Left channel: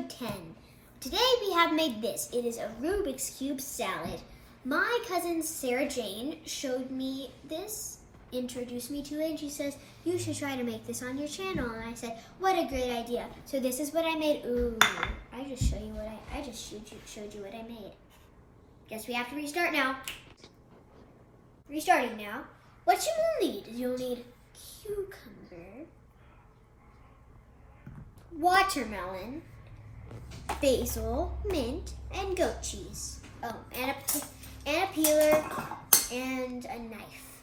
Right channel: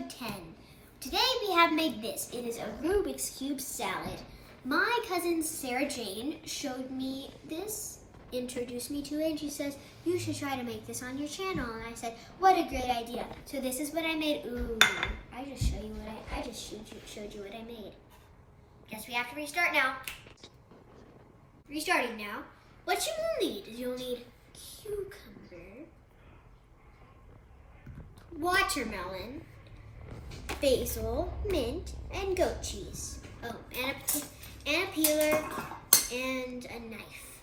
episode 10. Today we have made this. It is a Rubik's Cube salad. My cousin Sarah Jane showed me this, introduced me to it, and she says, you should try to make this on your channel. And I said, what a great idea. So this is what I made. Ooh, I just showed you what I made. Guess we have to restart now. Restarting now. What you will need is you'll need cucumber, watermelon, basil, mint, and goat cheese. Oh, and a peeler and a knife.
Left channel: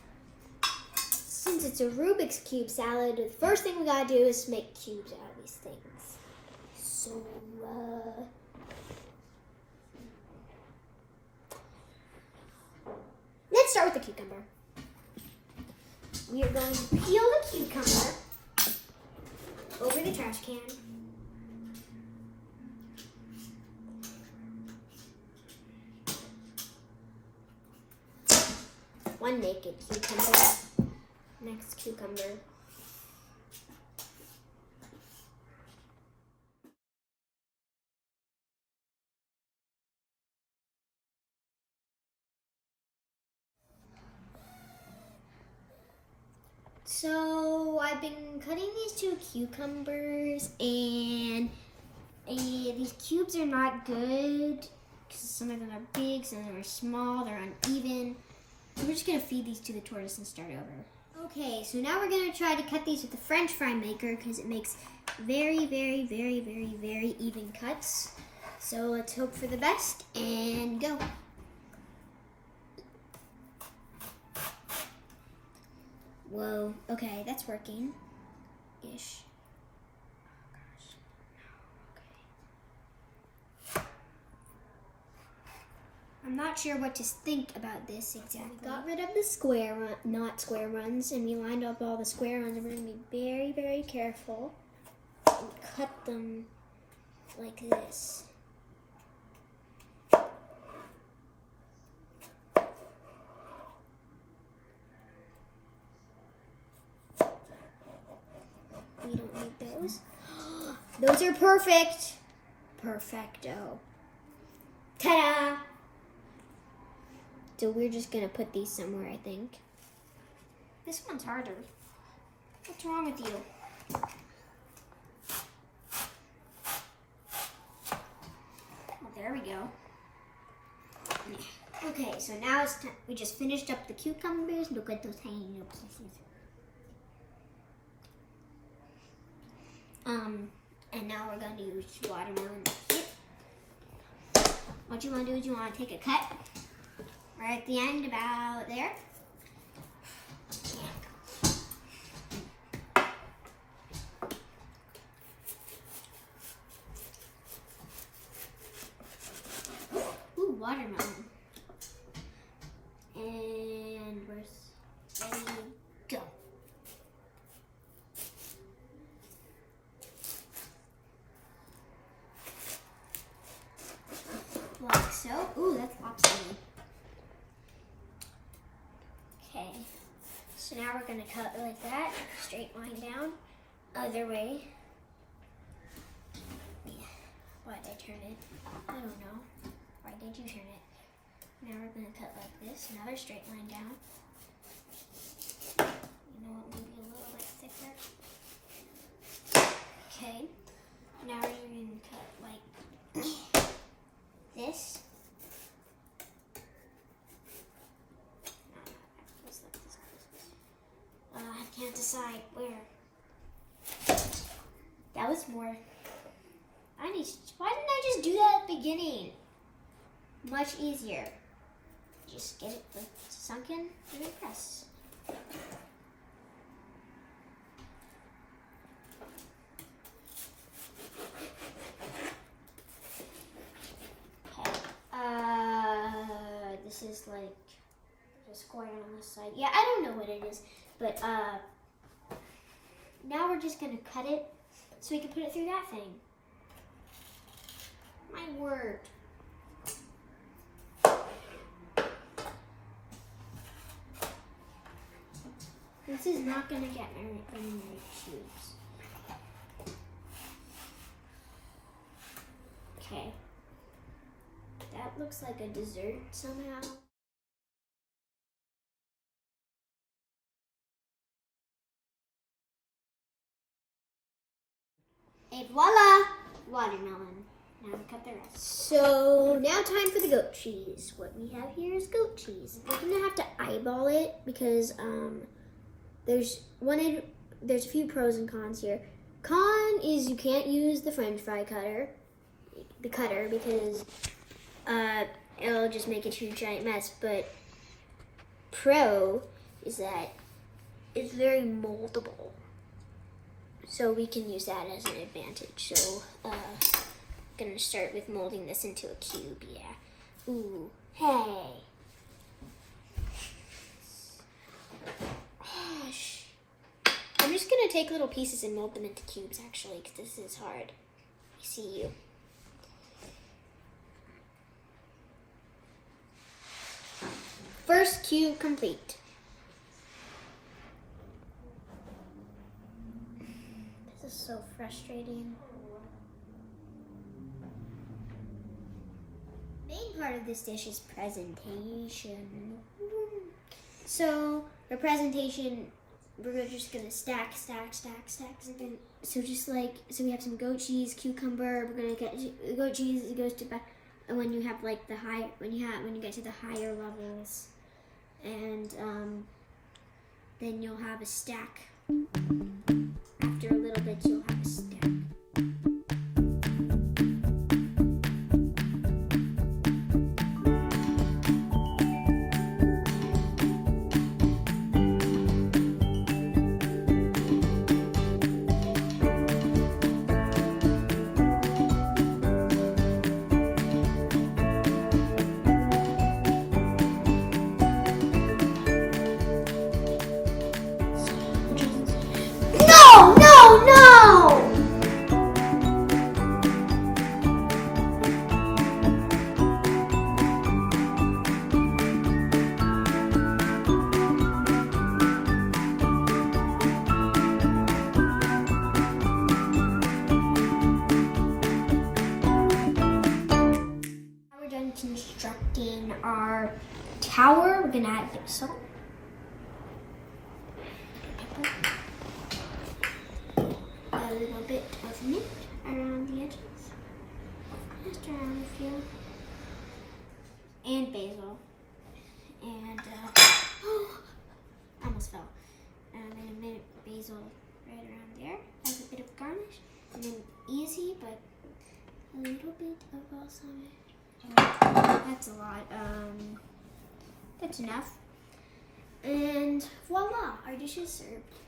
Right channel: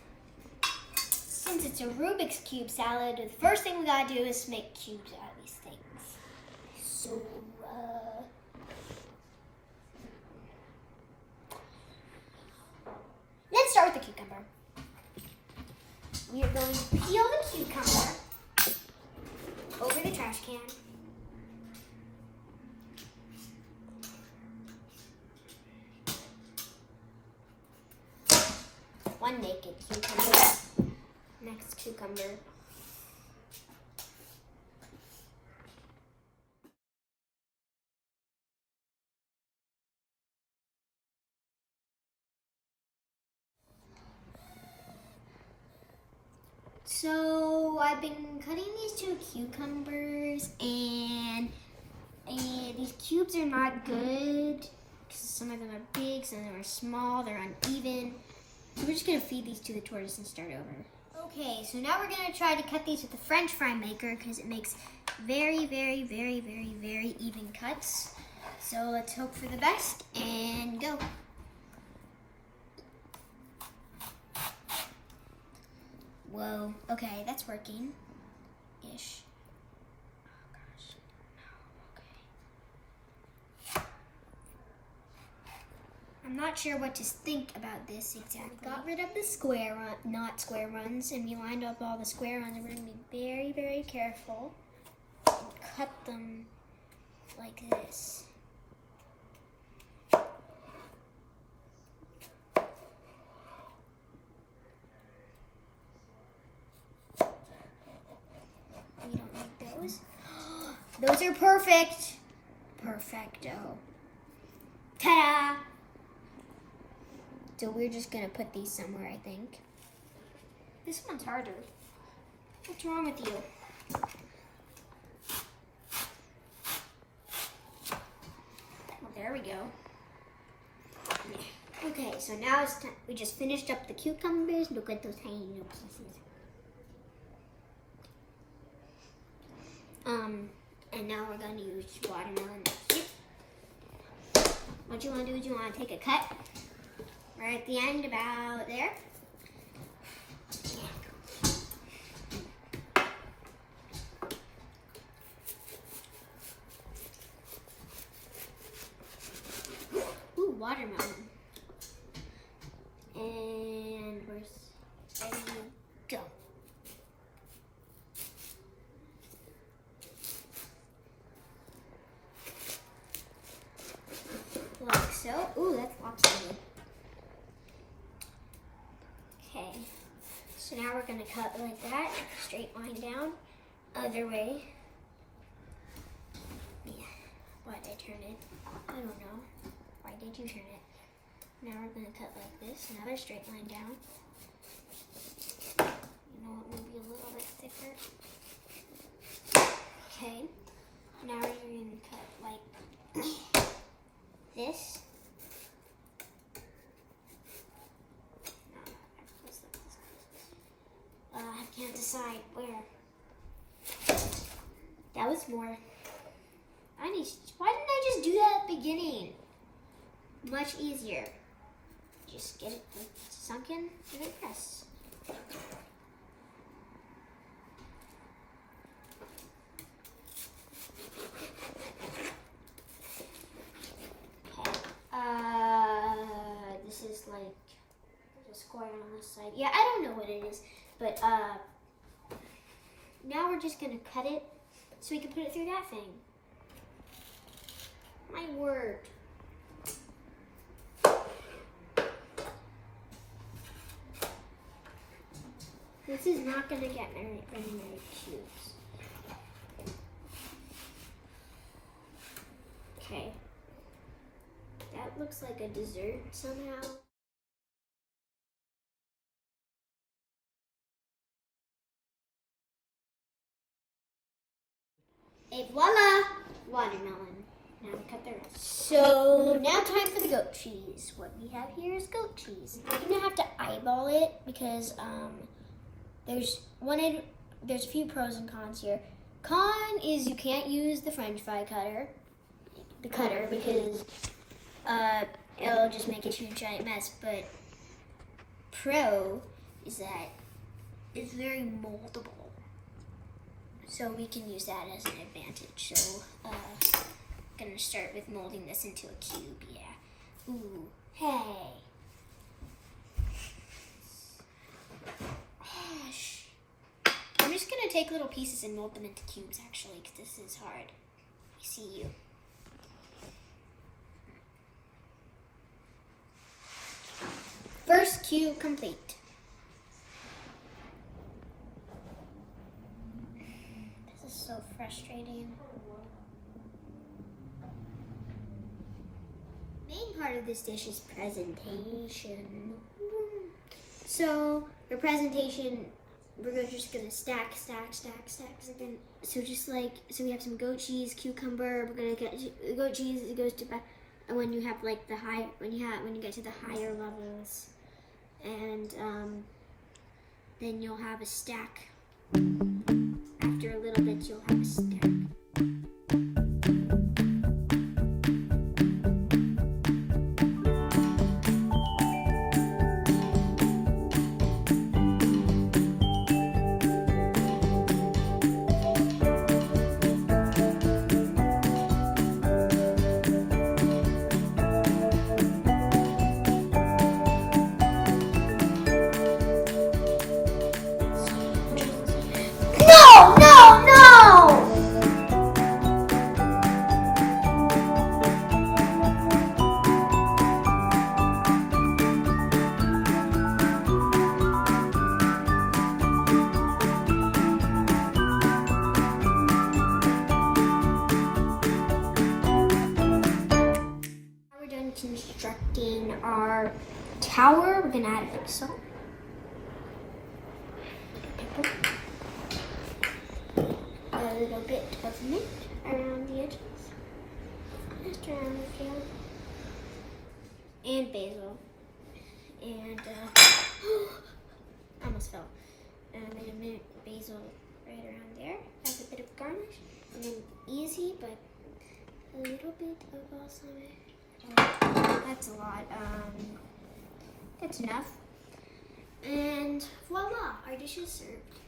Since it's a Rubik's Cube salad, the first thing we gotta do is make cubes out of these things. So, let's start with the cucumber. We are going to peel the cucumber over the trash can. One naked cucumber. Next cucumber. So I've been cutting these two cucumbers, and these cubes are not good because some of them are big, some of them are small, they're uneven. So we're just gonna feed these to the tortoise and start over. Okay, so now we're gonna try to cut these with the French fry maker because it makes very, very, very, very, very even cuts. So let's hope for the best and go. Whoa, okay, that's working. Ish. Oh gosh, no, okay. I'm not sure what to think about this exactly. We got rid of the not square runs, and we lined up all the square runs, and we're gonna be very, very careful and cut them like this. We don't need those. Those are perfect. Perfecto. Ta-da! So we're just gonna put these somewhere, I think. This one's harder. What's wrong with you? Oh, there we go. Okay, so now it's time. We just finished up the cucumbers. Look at those tiny little pieces. And now we're going to use watermelon. What you want to do is you want to take a cut right at the end, about there. Ooh, watermelon. And we're ready to go. Like so. Ooh, that's lopsided. Okay. So now we're going to cut like that. Straight line down. Other way. Yeah. Why did I turn it? I don't know. Why did you turn it? Now we're going to cut like this. Another straight line down. You know what? Maybe a little bit thicker. Okay. Now we're going to cut like this. I can't decide where. That was more. Why didn't I just do that at the beginning? Much easier. Just get it sunk in and then press. This is like a square on this side. Yeah, I don't know what it is, but now we're just gonna cut it so we can put it through that thing. My word. This is not gonna get any cubes. Okay. That looks like a dessert somehow. And voila! Watermelon. Now we cut the rest. So now time for the goat cheese. What we have here is goat cheese. We're gonna have to eyeball it because there's a few pros and cons here. Con is you can't use the French fry cutter, because it'll just make a huge giant mess. But pro is that it's very moldable, so we can use that as an advantage. So gonna start with molding this into a cube. Yeah. Ooh. Hey. Gosh. I'm just gonna take little pieces and mold them into cubes, actually, because this is hard. I see you. First cube complete. This is so frustrating. Main part of this dish is presentation. So for presentation, we're just gonna stack. So so we have some goat cheese, cucumber. We're gonna get goat cheese. It goes to when you have like when you get to the higher levels, and then you'll have a stack. After a little bit, you'll have a stack. No! Now we're done constructing our tower. We're gonna add a bit of salt. Pepper. A little bit of mint around the edges, just around the field, and basil, and almost fell, and then a mint basil right around there as a bit of garnish, and then easy, but a little bit of balsamic. That's a lot. That's enough, and voila, our dish is served.